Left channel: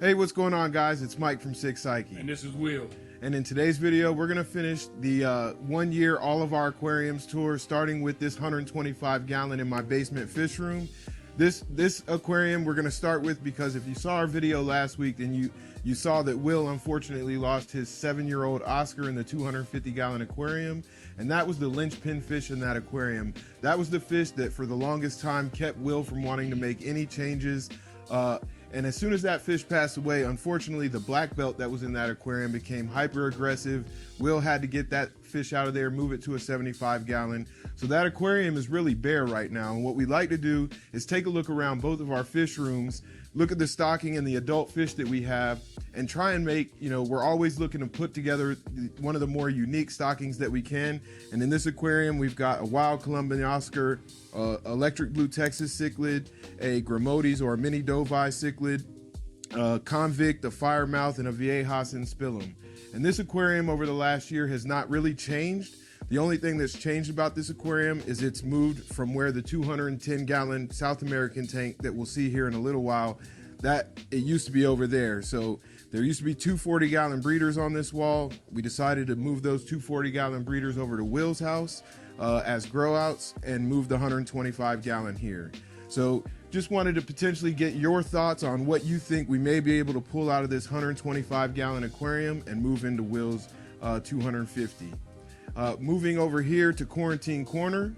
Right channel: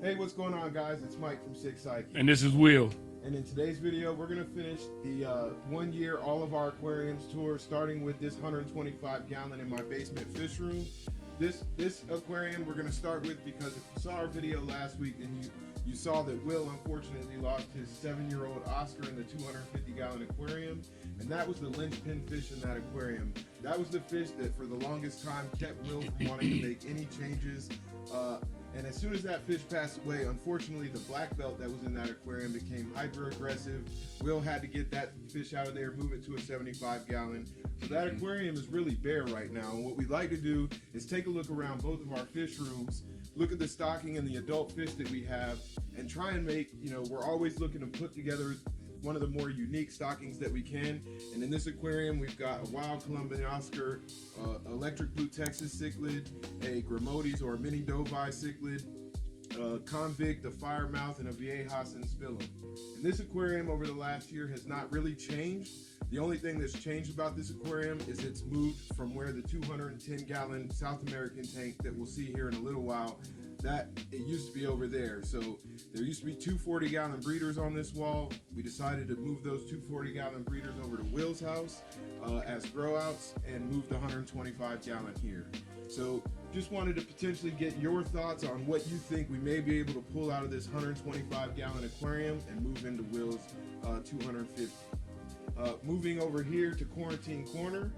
Hey, what's going on, guys? It's Mike from Sick Psyche. And this is Will. And in today's video, we're going to finish the 1 year All of Our Aquariums tour, starting with this 125 gallon in my basement fish room. This aquarium we're going to start with because if you saw our video last week, then you saw that Will unfortunately lost his 7-year-old Oscar in the 250 gallon aquarium. And that was the linchpin fish in that aquarium. That was the fish that for the longest time kept Will from wanting to make any changes. And as soon as that fish passed away, unfortunately, the black belt that was in that aquarium became hyper aggressive. Will had to get that fish out of there, move it to a 75 gallon. So that aquarium is really bare right now. And what we like to do is take a look around both of our fish rooms, look at the stocking and the adult fish that we have, and try and make, we're always looking to put together one of the more unique stockings that we can. And in this aquarium, we've got a wild Columbian Oscar, electric blue Texas cichlid, a Gramotes or a mini Dovi cichlid, convict, a firemouth, and a Viejas and spillum. And this aquarium over the last year has not really changed. The only thing that's changed about this aquarium is it's moved from where the 210 gallon South American tank that we'll see here in a little while, that it used to be over there. So there used to be 240 gallon breeders on this wall. We decided to move those 240 gallon breeders over to Will's house as grow outs and move the 125 gallon here. So just wanted to potentially get your thoughts on what you think we may be able to pull out of this 125 gallon aquarium and move into Will's 250. Moving over here to Quarantine Corner.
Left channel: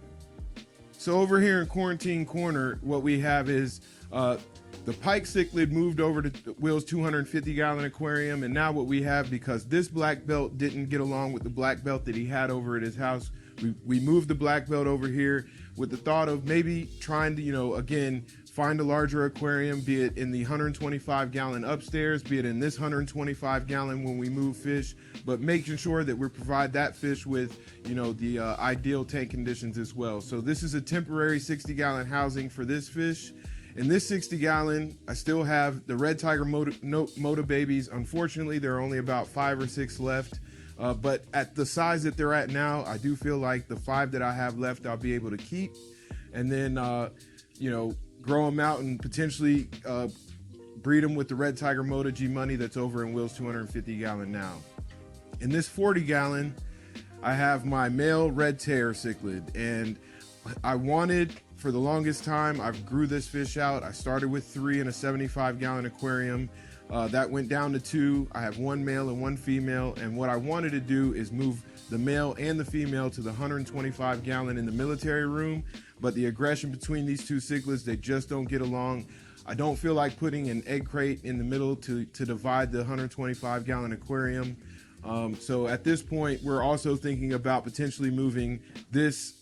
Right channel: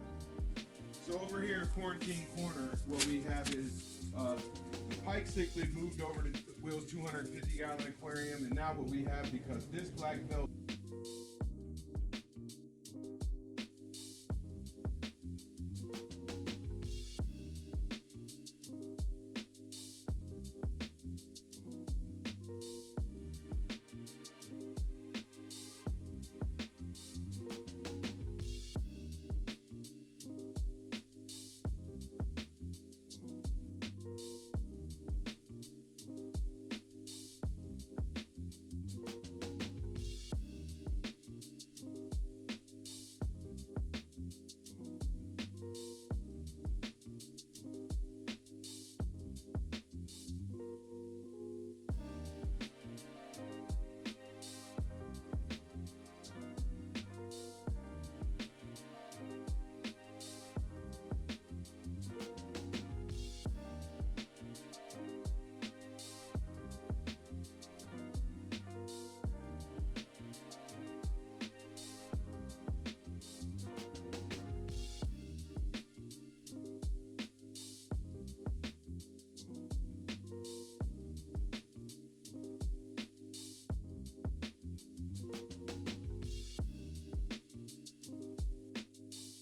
So over here in Quarantine Corner, what we have is the pike cichlid moved over to Will's 250 gallon aquarium. And now what we have, because this black belt didn't get along with the black belt that he had over at his house, we moved the black belt over here with the thought of maybe trying to, again, find a larger aquarium, be it in the 125 gallon upstairs, be it in this 125 gallon when we move fish, but making sure that we provide that fish with, the ideal tank conditions as well. So this is a temporary 60 gallon housing for this fish. In this 60 gallon, I still have the red tiger moto babies. Unfortunately, there are only about 5 or 6 left. But at the size that they're at now, I do feel like the 5 that I have left, I'll be able to keep. And then, grow them out and potentially breed them with the red tiger moto G money that's over in Will's 250 gallon now. In this 40 gallon, I have my male red tear cichlid. And I wanted, for the longest time, I grew this fish out. I started with 3 in a 75 gallon aquarium. That went down to 2. I have 1 male and 1 female. And what I wanted to do is move the male and the female to the 125 gallon in the military room. But the aggression between these two cichlids, they just don't get along. I don't feel like putting an egg crate in the middle to divide the 125 gallon aquarium. So at this point, we're also thinking about potentially moving this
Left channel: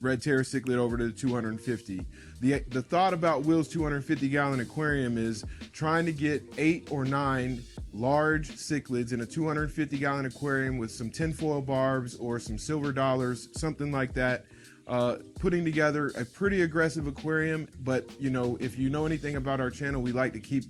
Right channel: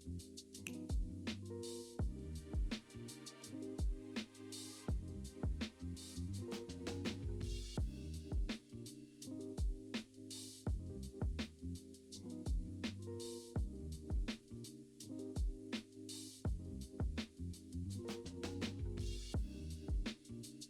red tear cichlid over to the 250. The thought about Will's 250 gallon aquarium is trying to get 8 or 9 large cichlids in a 250 gallon aquarium with some tinfoil barbs or some silver dollars, something like that. Putting together a pretty aggressive aquarium, but if you know anything about our channel, we like to keep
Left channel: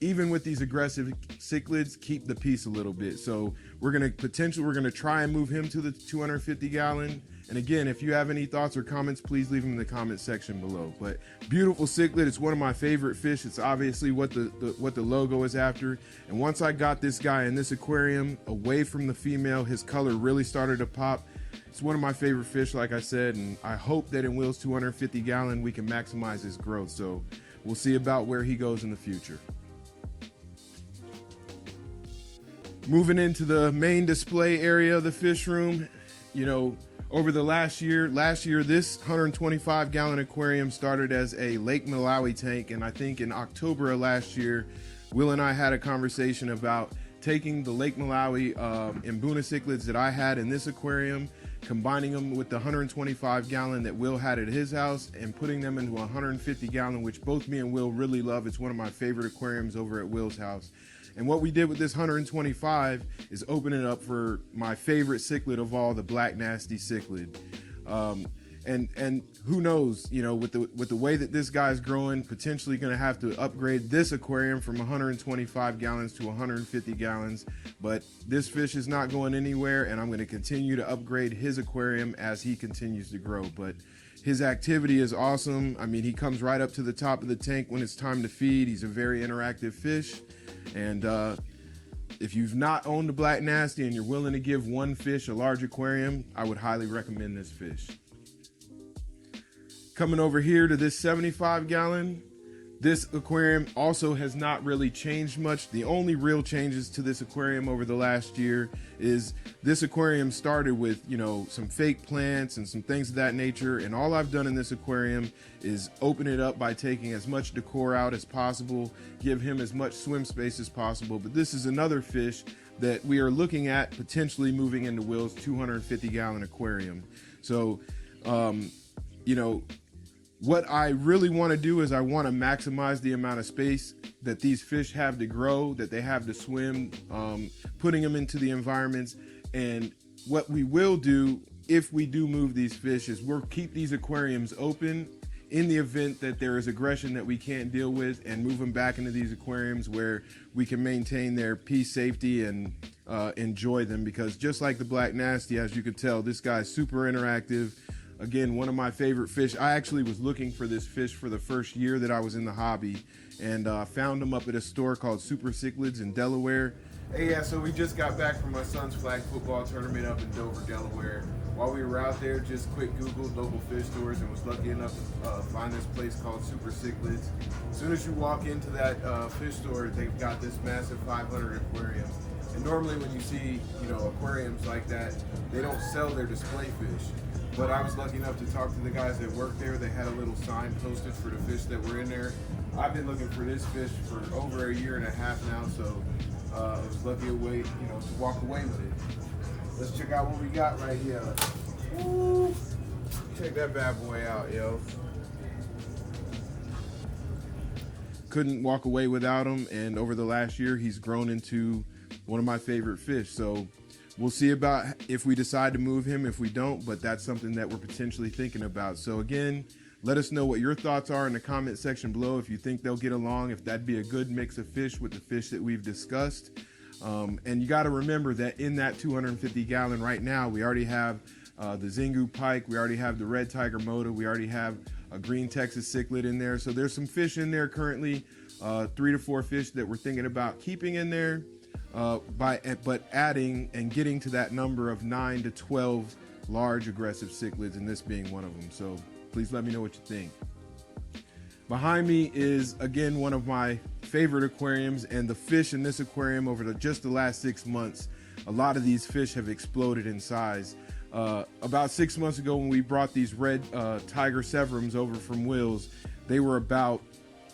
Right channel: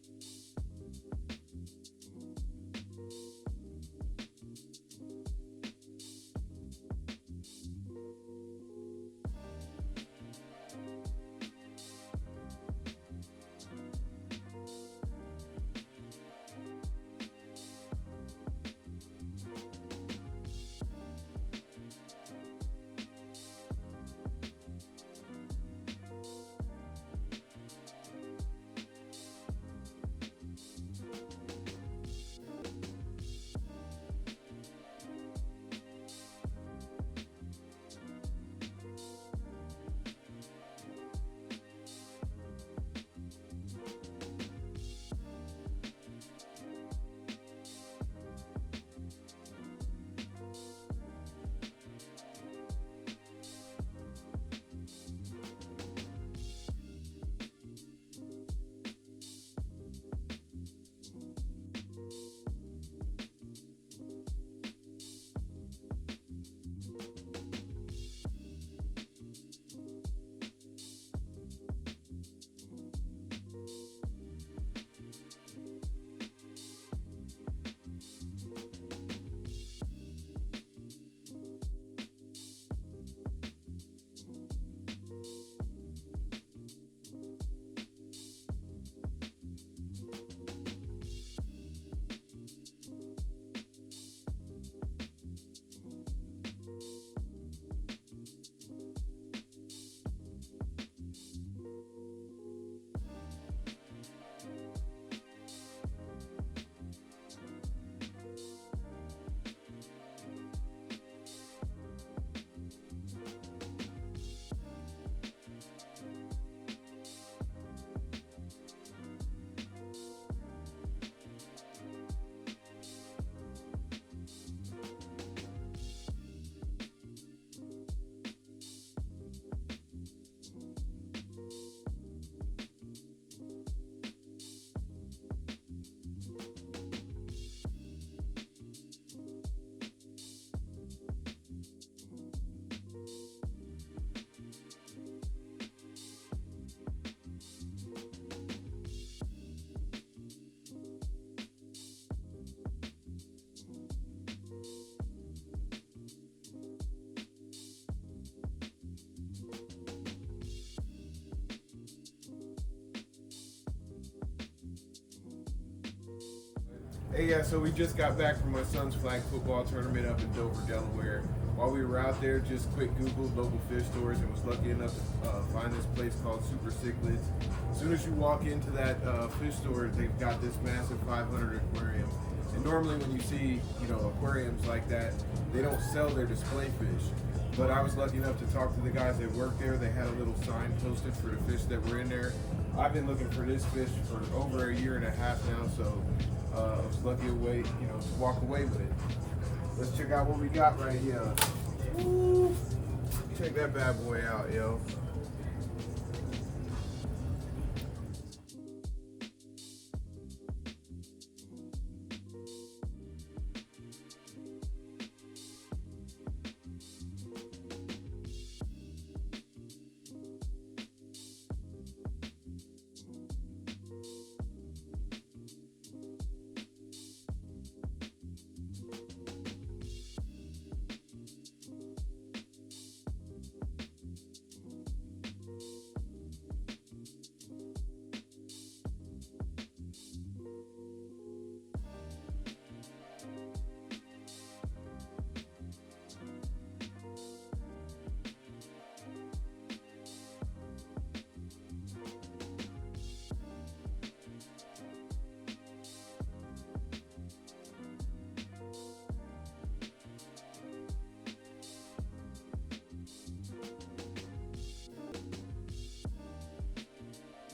even with these aggressive cichlids, keep the peace a little bit. So we're gonna try and move him to the 250 gallon. And again, if you have any thoughts or comments, please leave them in the comment section below. But beautiful cichlid, it's one of my favorite fish. It's obviously what the logo is after. And once I got this guy in this aquarium away from the female, his color really started to pop. It's one of my favorite fish, like I said, and I hope that in Will's 250 gallon, we can maximize his growth. So we'll see about where he goes in the future. Moving into the main display area of the fish room, over the last year, this 125 gallon aquarium started as a Lake Malawi tank. And I think in October of last year, Will and I had a conversation about taking the Lake Malawi Mbuna cichlids that I had in this aquarium, combining them with the 125 gallon that Will had at his house, and putting them into a 150 gallon, which both me and Will really love. It's one of my favorite aquariums over at Will's house. And what we did with this 125 is open it up for my favorite cichlid of all, the black nasty cichlid. and who knows, you know, with the way that this guy's growing, potentially going to have to upgrade this aquarium from 125 gallons to 150 gallons. But this fish is not going anywhere, and I'm going to continue to upgrade his aquarium as he continues to grow. But his activity is awesome. I mean, he comes right up to the top of the tank when it's time to feed. He's a very interactive fish. And if you've not owned a Black Nasty and you're willing to give one fish a large aquarium, I would highly recommend this fish. Coming over here to this 75 gallon, this aquarium also has not really changed much. The only real changes to this aquarium over the last year is this aquarium started with, you know, some fake plants and some things of that nature. And all I've done in this aquarium is open it up by taking as much decor out as possible, give him as much swim space as possible. But this is another fish that we are looking at potentially moving into Will's 250 gallon aquarium. So, you know, what I really want to do is I want to maximize the amount of space that these fish have to grow, that they have to swim, putting them into the environments. And what we will do if we do move these fish is we'll keep these aquariums open in the event that there is aggression that we can't deal with, and move them back into these aquariums where we can maintain their peace, safety, and enjoy them. Because just like the Black Nasty, as you can tell, this guy's super interactive. Again, one of my favorite fish. I actually was looking for this fish for the first year that I was in the hobby, and found him up at a store called Super Cichlids in Delaware. Hey, yeah, so we just got back from my son's flag football tournament up in Dover, Delaware. While we were out there, just quick Googled local fish stores and was lucky enough to find this place called Super Cichlids. As soon as you walk into that fish store, they've got this massive 500 aquarium. And normally when you see, you know, aquariums like that, they don't sell their display fish. But I was lucky enough to talk to the guys that work there. They had a little sign posted for the fish that were in there. I've been looking for this fish for over a year and a half now, so I was lucky to walk away with it. Let's check out what we got right here. Woo! Check that bad boy out, yo. Couldn't walk away without him, and over the last year, he's grown into one of my favorite fish. So we'll see about if we decide to move him, if we don't, but that's something that we're potentially thinking about. So again, let us know what your thoughts are in the comment section below. If you think they'll get along, if that'd be a good mix of fish with the fish that we've discussed. And you got to remember that in that 250 gallon right now, we already have the Zingu pike, we already have the red tiger moda, we already have a green Texas cichlid in there. So there's some fish in there currently, 3 to 4 fish that we're thinking about keeping in there. But adding and getting to that number of 9 to 12 large aggressive cichlids, and this being one of them. So please let me know what you think. Behind me is, again, one of my favorite aquariums, and the fish in this aquarium over just the last 6 months, a lot of these fish have exploded in size. About 6 months ago when we brought these red tiger severums over from Will's, they were about,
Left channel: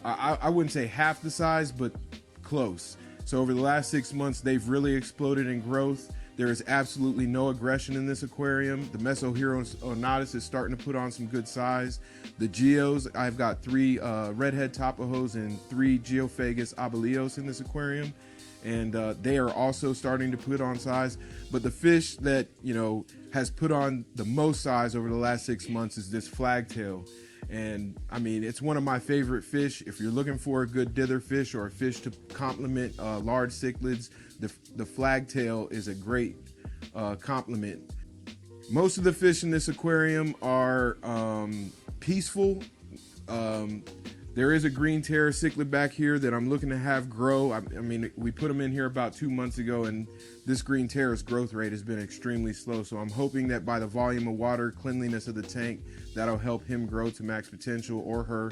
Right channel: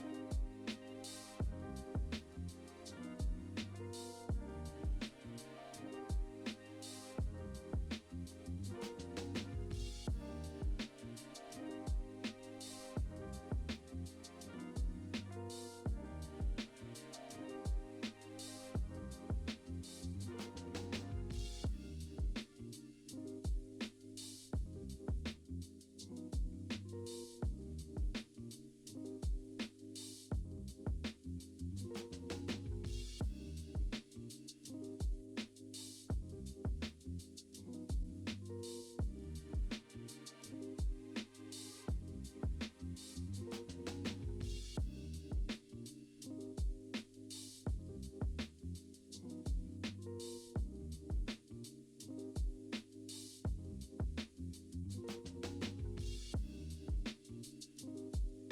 I wouldn't say half the size, but close. So over the last 6 months, they've really exploded in growth. There is absolutely no aggression in this aquarium. The Mesohero onatus is starting to put on some good size. The Geos, I've got 3 redhead Tapajos and 3 Geophagus abelios in this aquarium. And they are also starting to put on size. But the fish that, you know, has put on the most size over the last 6 months is this flagtail. And I mean, it's one of my favorite fish. If you're looking for a good dither fish or a fish to complement large cichlids, the flagtail is a great complement. Most of the fish in this aquarium are peaceful. There is a green terror cichlid back here that I'm looking to have grow. I mean, we put him in here about 2 months ago, and this green terror's growth rate has been extremely slow. So I'm hoping that by the volume of water, cleanliness of the tank, that'll help him grow to max potential, or her.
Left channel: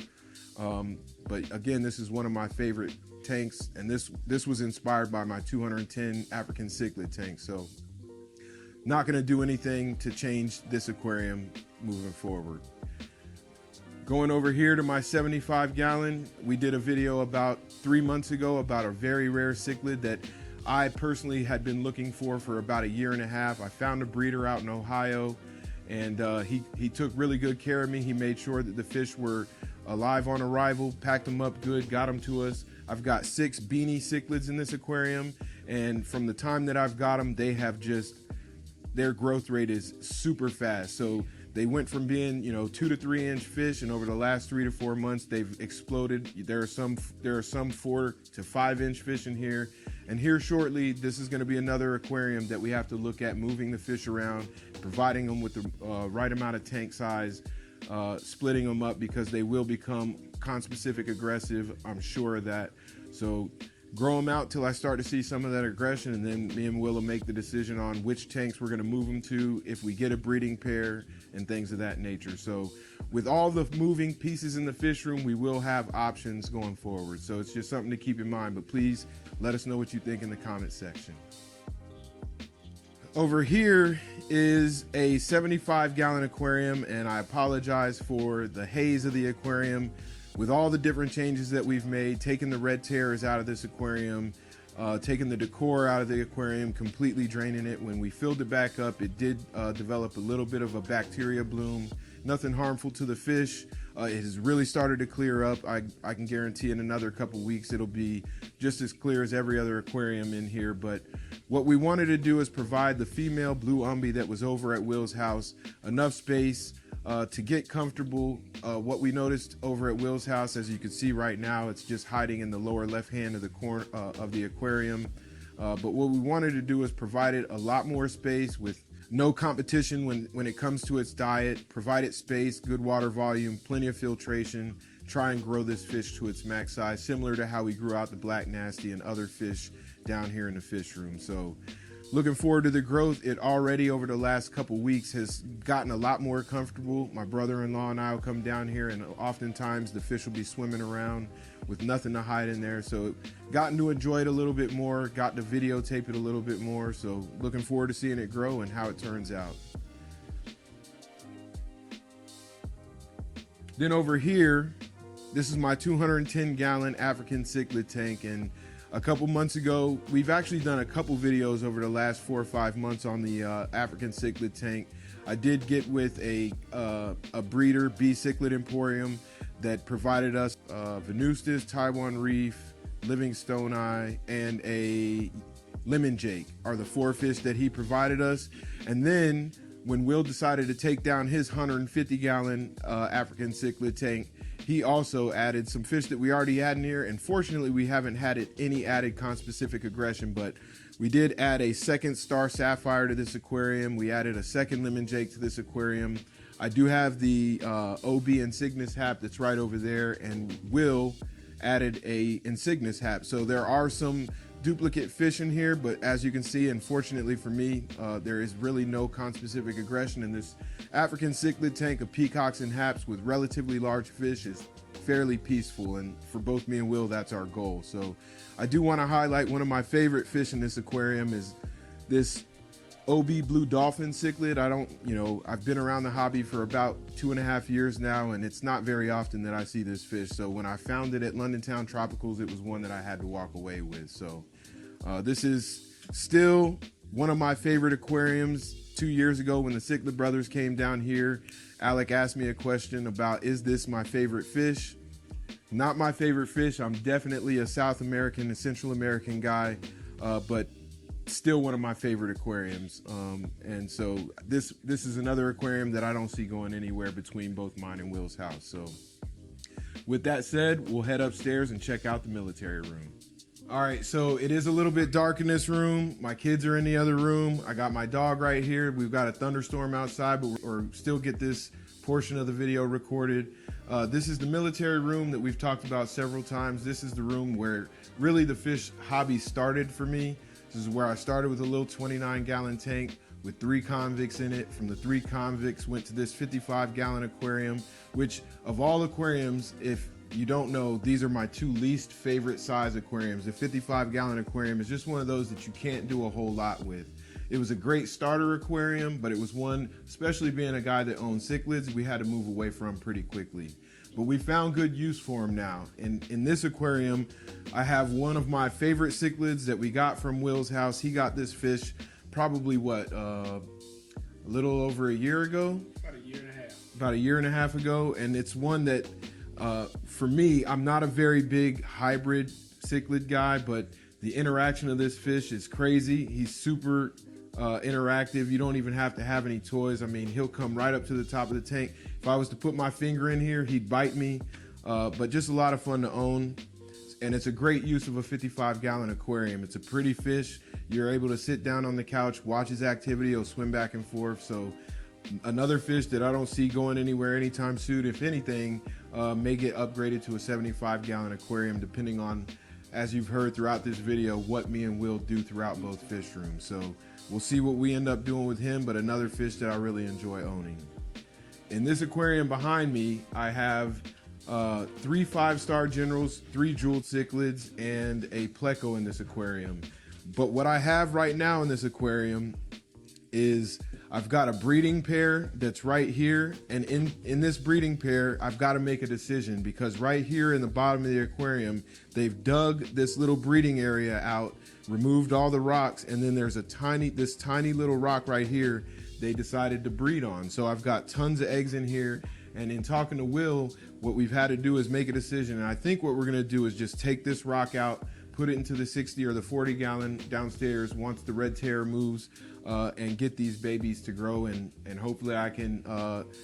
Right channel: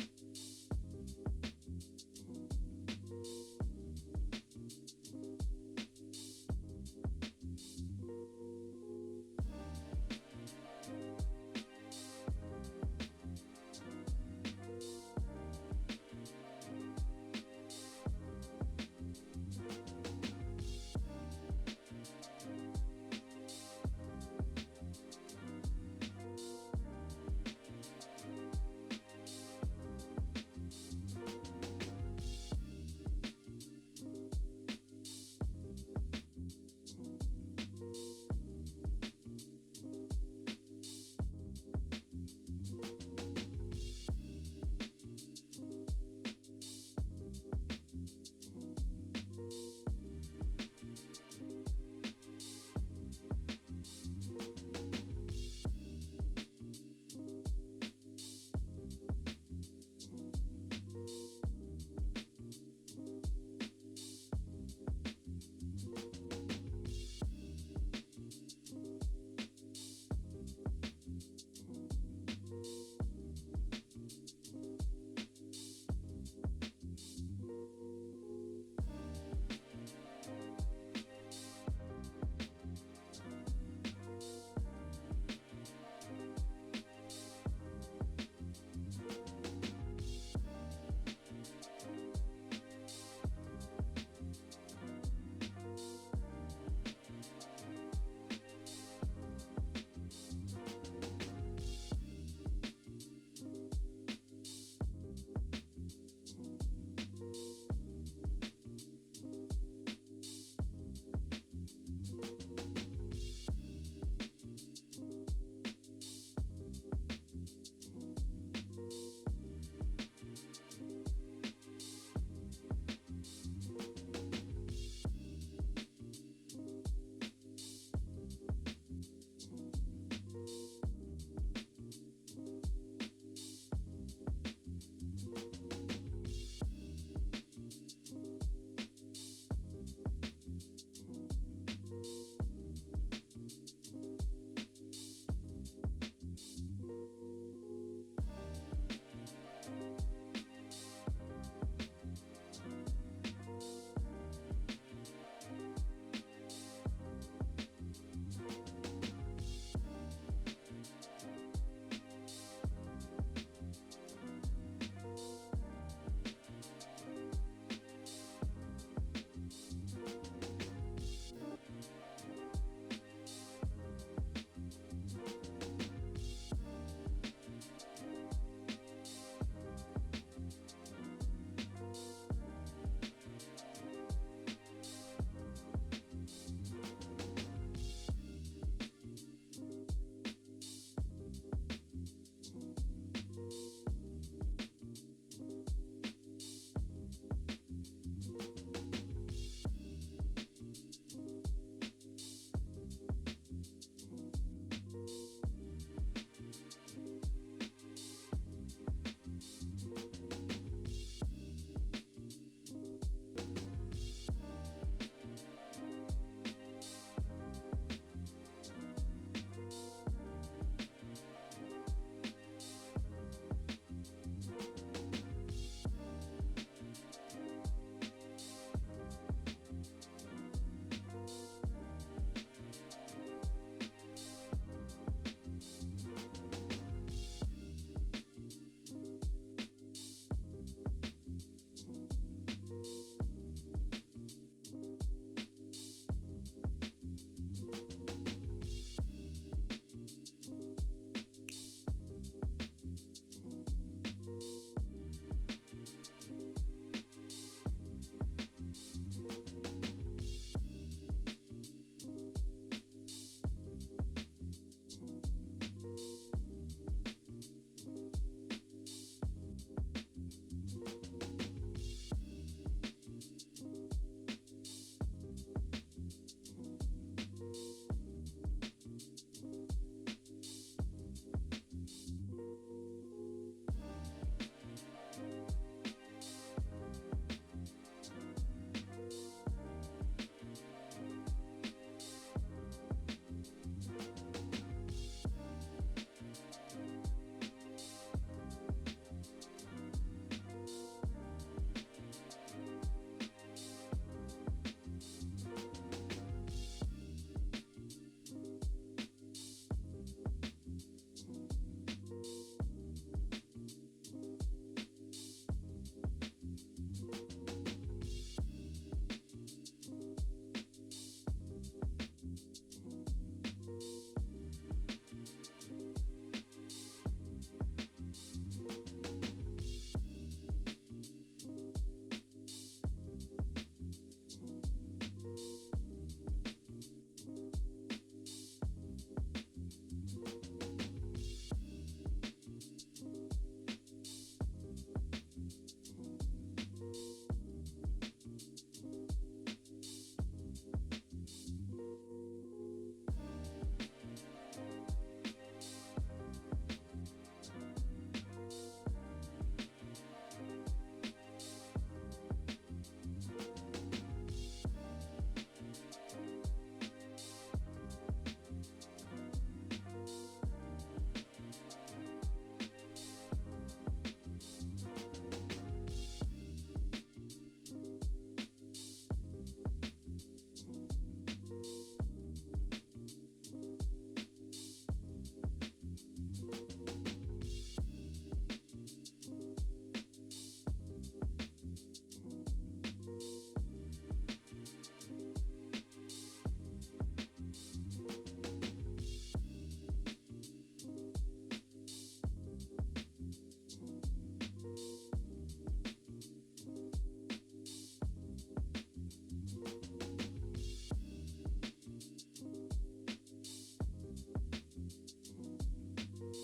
But again, this is one of my favorite tanks, and this was inspired by my 210 African cichlid tank. So not gonna do anything to change this aquarium moving forward. Going over here to my 75 gallon, we did a video about 3 months ago about a very rare cichlid that I personally had been looking for about a year and a half. I found a breeder out in Ohio, and he took really good care of me. He made sure that the fish were alive on arrival, packed them up good, got them to us. I've got 6 beanie cichlids in this aquarium, and from the time that I've got them, they have their growth rate is super fast. So They went from being, 2 to 3 inch fish, and over the last 3 to 4 months, they've exploded. There are some 4 to 5 inch fish in here. And here shortly, this is going to be another aquarium that we have to look at moving the fish around, providing them with the right amount of tank size, splitting them up because they will become conspecific aggressive. I'm sure of that. So grow them out till I start to see some of that aggression, and then me and Will will make the decision on which tanks we're going to move them to, if we get a breeding pair and things of that nature. So with all the moving pieces in the fish room, we will have options going forward. So it's just something to keep in mind, but please let us know what you think in the comment section. Over here is a 75-gallon aquarium, and I apologize for the haze of the aquarium. With all the different changes that we've made, taking the red terrors out of this aquarium, taking the decor out of the aquarium, completely draining it. When we filled it back up, it did develop a little bit of a bacteria bloom. Nothing harmful to the fish. It has really started to clear up. I can guarantee in another couple weeks it'll be just as clear as every other aquarium in here. But what we wanted to do is provide the female blue Umbee that was over at Will's house enough space to get comfortable. What we noticed over at Will's house, as you can see right now, it's just hiding in the lower left hand of the corner of the aquarium. But what we wanted to do is provide it a lot more space with no competition when it comes to its diet, provide it space, good water volume, plenty of filtration, try and grow this fish to its max size, similar to how we grew out the black nasty and other fish down here in the fish room. So looking forward to the growth. It already over the last couple weeks has gotten a lot more comfortable. My brother-in-law and I will come down here, and oftentimes the fish will be swimming around with nothing to hide in there. So gotten to enjoy it a little bit more, got to videotape it a little bit more. So looking forward to seeing it grow and how it turns out. Then over here, this is my 210-gallon African cichlid tank, and a couple months ago, we've actually done a couple videos over the last 4 or 5 months on the African cichlid tank. I did get with a breeder, B Cichlid Emporium, that provided us Venustus, Taiwan Reef, Livingstoni, and a Lemon Jake are the 4 fish that he provided us. And then when Will decided to take down his 150-gallon African cichlid tank, he also added some fish that we already had in here, and fortunately we haven't had any added conspecific aggression, but we did add a second star sapphire to this aquarium. We added a second lemon jake to this aquarium. I do have the OB Insignis hap that's right over there, and Will added a Insignis hap. So there are some duplicate fish in here, but as you can see, unfortunately for me, there is really no conspecific aggression in this African cichlid tank of peacocks and haps with relatively large fish. Is fairly peaceful, and for both me and Will, that's our goal. So I do want to highlight one of my favorite fish in this aquarium is this OB blue dolphin cichlid. I've been around the hobby for about 2.5 years now, and it's not very often that I see this fish. So when I found it at London Town Tropicals, it was one that I had to walk away with. So this is still one of my favorite aquariums. 2 years ago when the Cichlid brothers came down here, Alec asked me a question about, is this my favorite fish? Not my favorite fish. I'm definitely a South American and Central American guy, but still one of my favorite aquariums. And so this is another aquarium that I don't see going anywhere between both mine and Will's house. So with that said, we'll head upstairs and check out the military room. All right, so it is a little bit dark in this room. My kids are in the other room. I got my dog right here. We've got a thunderstorm outside, but we'll still get this portion of the video recorded. This is the military room that we've talked about several times. This is the room where really the fish hobby started for me. This is where I started with a little 29-gallon tank with 3 convicts in it. From the 3 convicts went to this 55-gallon aquarium, which of all aquariums, if you don't know, these are my 2 least favorite size aquariums. The 55-gallon aquarium is just one of those that you can't do a whole lot with. It was a great starter aquarium, but it was one, especially being a guy that owns cichlids, we had to move away from pretty quickly. But we found good use for them now. In this aquarium, I have one of my favorite cichlids that we got from Will's house. He got this fish probably a little over a year ago? About a year and a half ago. And it's one that, for me, I'm not a very big hybrid cichlid guy, but the interaction of this fish is crazy. He's super interactive. You don't even have to have any toys. I mean, he'll come right up to the top of the tank. If I was to put my finger in here, he'd bite me. But just a lot of fun to own. And it's a great use of a 55-gallon aquarium. It's a pretty fish. You're able to sit down on the couch, watch his activity. He'll swim back and forth. So another fish that I don't see going anywhere anytime soon. If anything, may get upgraded to a 75-gallon aquarium, depending on, as you've heard throughout this video, what me and Will do throughout both fish rooms. So we'll see what we end up doing with him, but another fish that I really enjoy owning. In this aquarium behind me, I have 3 5-star generals, 3 jeweled cichlids, and a pleco in this aquarium. But what I have right now in this aquarium is I've got a breeding pair that's right here, and in this breeding pair, I've got to make a decision, because right here in the bottom of the aquarium, they've dug this little breeding area out, removed all the rocks, and then there's this tiny little rock right here they decided to breed on. So I've got tons of eggs in here, and in talking to Will, what we've had to do is make a decision, and I think what we're gonna do is just take this rock out, put it into the 60 or the 40-gallon downstairs once the red tear moves, and get these babies to grow, and hopefully I can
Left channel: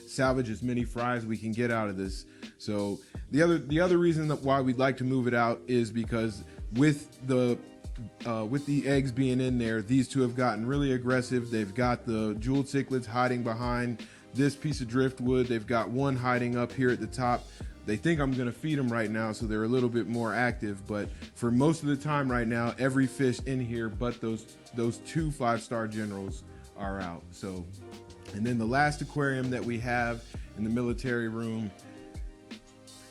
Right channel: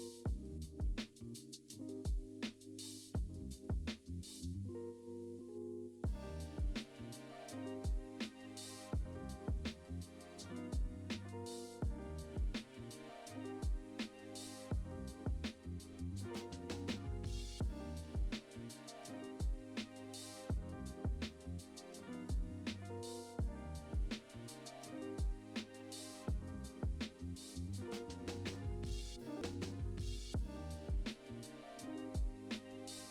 salvage as many fries as we can get out of this. So the other reason why we'd like to move it out is because with the eggs being in there, these two have gotten really aggressive. They've got the jeweled cichlids hiding behind this piece of driftwood. They've got one hiding up here at the top. They think I'm gonna feed them right now, so they're a little bit more active, but for most of the time right now, every fish in here but those 2 5-star generals are out. So, and then the last aquarium that we have in the military room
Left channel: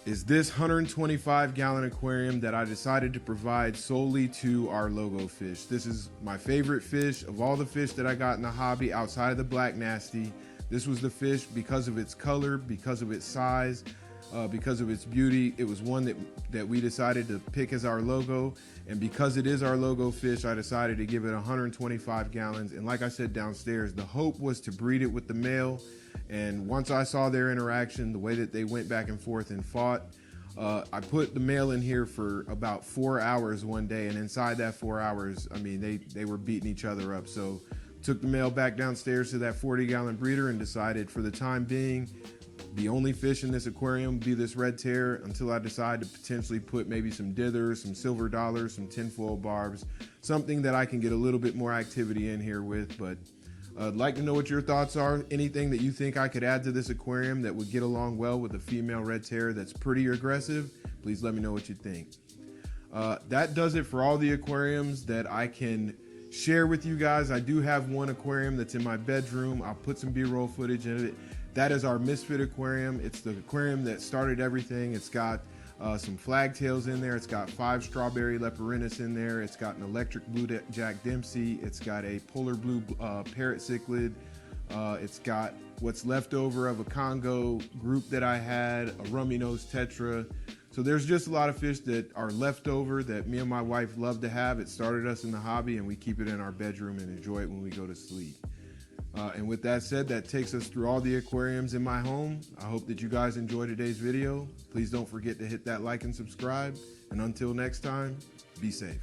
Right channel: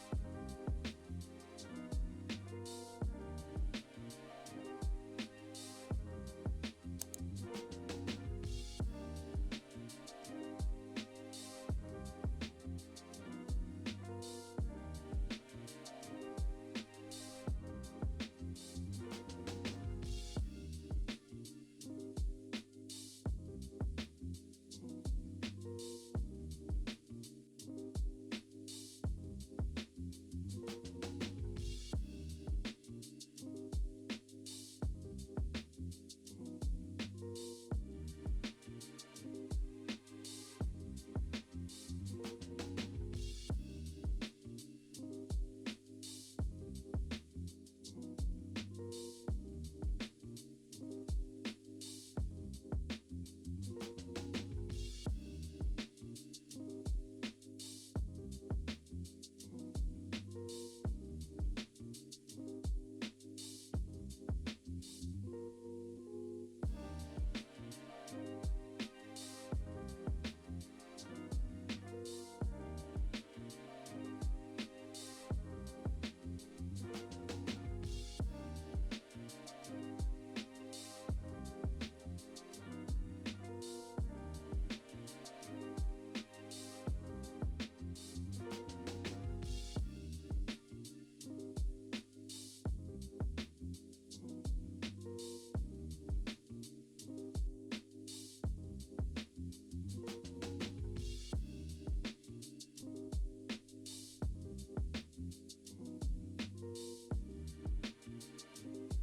is this 125-gallon aquarium that I decided to provide solely to our logo fish. This is my favorite fish of all the fish that I got in the hobby outside of the black nasty. This was the fish because of its color, because of its size, because of its beauty. It was one that we decided to pick as our logo, and because it is our logo fish, I decided to give it 125 gallons. And like I said downstairs, the hope was to breed it with the male, and once I saw their interaction, the way that they went back and forth and fought, I put the male in here for about 4 hours one day, and inside that 4 hours, I mean, they were beating each other up. So took the male back downstairs to that 40-gallon breeder and decided for the time being, the only fish in this aquarium be this red tear until I decide to potentially put maybe some dithers, some silver dollars, some tinfoil barbs, something that I can get a little bit more activity in here with. But I'd like to know what your thoughts are. Anything that you think I could add to this aquarium that would get along well with a female red tear that's pretty aggressive, please let me know what you think. That does it for all the aquariums that I can share with you guys. I do have one aquarium that's in my bedroom. I'll put some B-roll footage in it. That is our Misfit aquarium. It's the aquarium that started everything. It's got some flagtails in there. It's got 5 strawberry leporinis in there. It's got an electric blue Jack Dempsey. It's got a polar blue parrot cichlid. It's got what's left over of a Congo group that I had, a rummy nose tetra. So there's just a lot of fish that are left over that me and my wife love to have. It started us in the hobby, and we keep it in our bedroom and enjoy it when we go to sleep. And with that said, that takes us through all the aquariums in my home. I hope that you guys enjoyed today's video. Please don't forget to hit that like and subscribe. And until next time, be safe.